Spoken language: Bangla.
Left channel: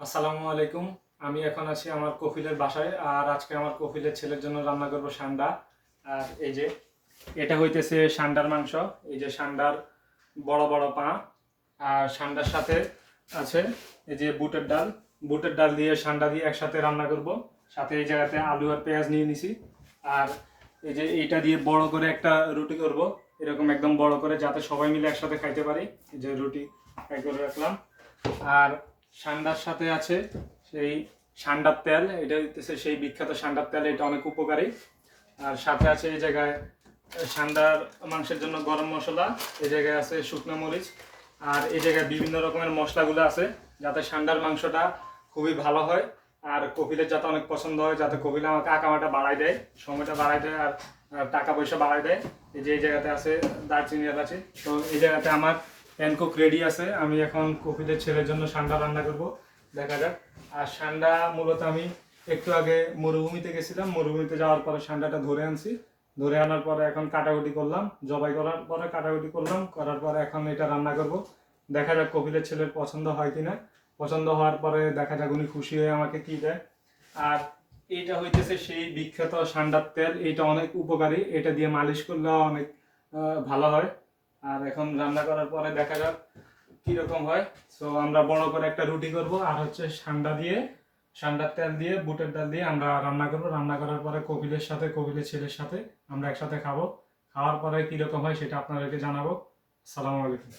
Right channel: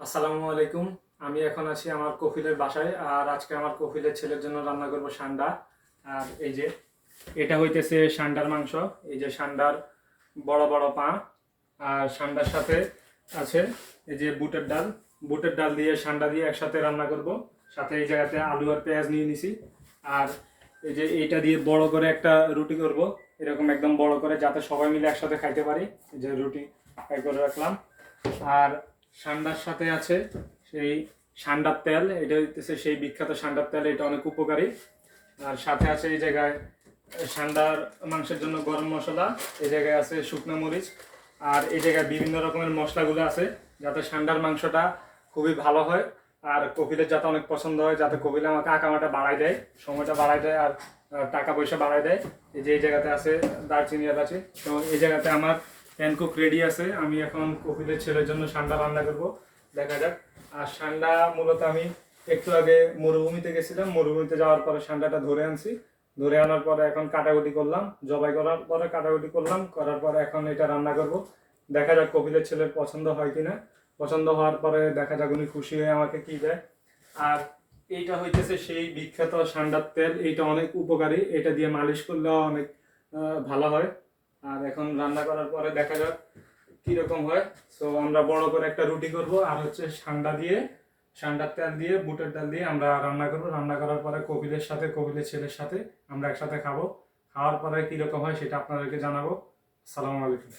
আসসালামু আলাইকুম। আমি এখন আছি আমার কফিলের বাসায়। আর আজকে আমার কফিলের ছেলের জন্য রান্না করব সান্ডা। আর এই যে এটা হইতেছে সান্ডার মাংস। এই যে সান্ডার বড় বড় পা। আর সান্ডার সাথে আছে এই যে বুটের ডাল। বুটের ডাল দিয়ে সান্ডা দিয়ে একসাথে রান্না করব। সাথে এই জায়গাতে আলু আর পেঁয়াজ নিয়ে নিছি। আর এই যে এইটা দিয়ে বড় করে একটা রুটি করব, এরকম একদম বড় করে, যাতে সবাই মিলে একসাথে খাইতে পারি। এই যে রুটি ফ্রাই করে রাখলাম। আর সান্ডার সাথে আছে সেই সান্ডার তেল, এটা হইতেছে সেই বিখ্যাত সান্ডার তেল, এটা অনেক উপকারী। আর সাথে আছে এই জায়গায় সান্ডার মাংসের জন্য গরম মশলা, এই জায়গায় আছে শুকনো মরিচ। আর এই জায়গায় বিভিন্ন রকমের মশলাগুলো আছে, যাতে সান্ডার মাংসটা খুবই ভালো হয়। আর কপিলের যাতে অনেক পছন্দ হয়, যাতে কপিল আমাকে আঁকামাটা বাড়ায় দেয়, সময়টা বাড়ায় দেয়, আর টাকা পয়সা বাড়ায় দেয়। এই যে এই জায়গাতে আছে দারচিনি এলাচি। তো এই জায়গাতে আমার প্যান কুক রেডি আছে। আমি এখন কপিলের ছেলের জন্য সান্ডা রান্না করব, দেখা যাক। আর সান্ডা মূলত আমি একটু আগে মরুভূমিতে গেছিলাম, মরুভূমিতে যাওয়ার পরে সান্ডাটা ধরে আনছি। ধরে আনার পরে এখন কাটাকুটি করলাম, জবাই করার পরে কাটাকুটি করলাম, করার পরে এখন এটা রান্না করব। দেখা যাক কপিলের ছেলের পছন্দ হয় কিনা। পছন্দ হওয়ার পরে দেখা যাক উনি খুশি হয়ে আমাকে কি দেয়। আর এইটা হইতেছে সেই বিখ্যাত সান্ডার তেল, এইটা অনেক উপকারী, এটা দিয়ে মালিশ করলেও অনেক ভালো হয়। আর এখন রান্না করার পরে দেখা যাক কিরকম হয়। সো আমরা বড় করে একটা রুটি করব, আর হচ্ছে সান্ডার তেল দিয়ে বুটের ডাল দিয়ে আমরা রান্না করব। রান্না করার পরে কপিলের সাথে, কপিলের ছেলের সাথে আমরা একসাথে খাবো। খাওয়ার পরে কিরকম হয় সেটা আপনাদেরকে জানাবো। আসসালামু আলাইকুম।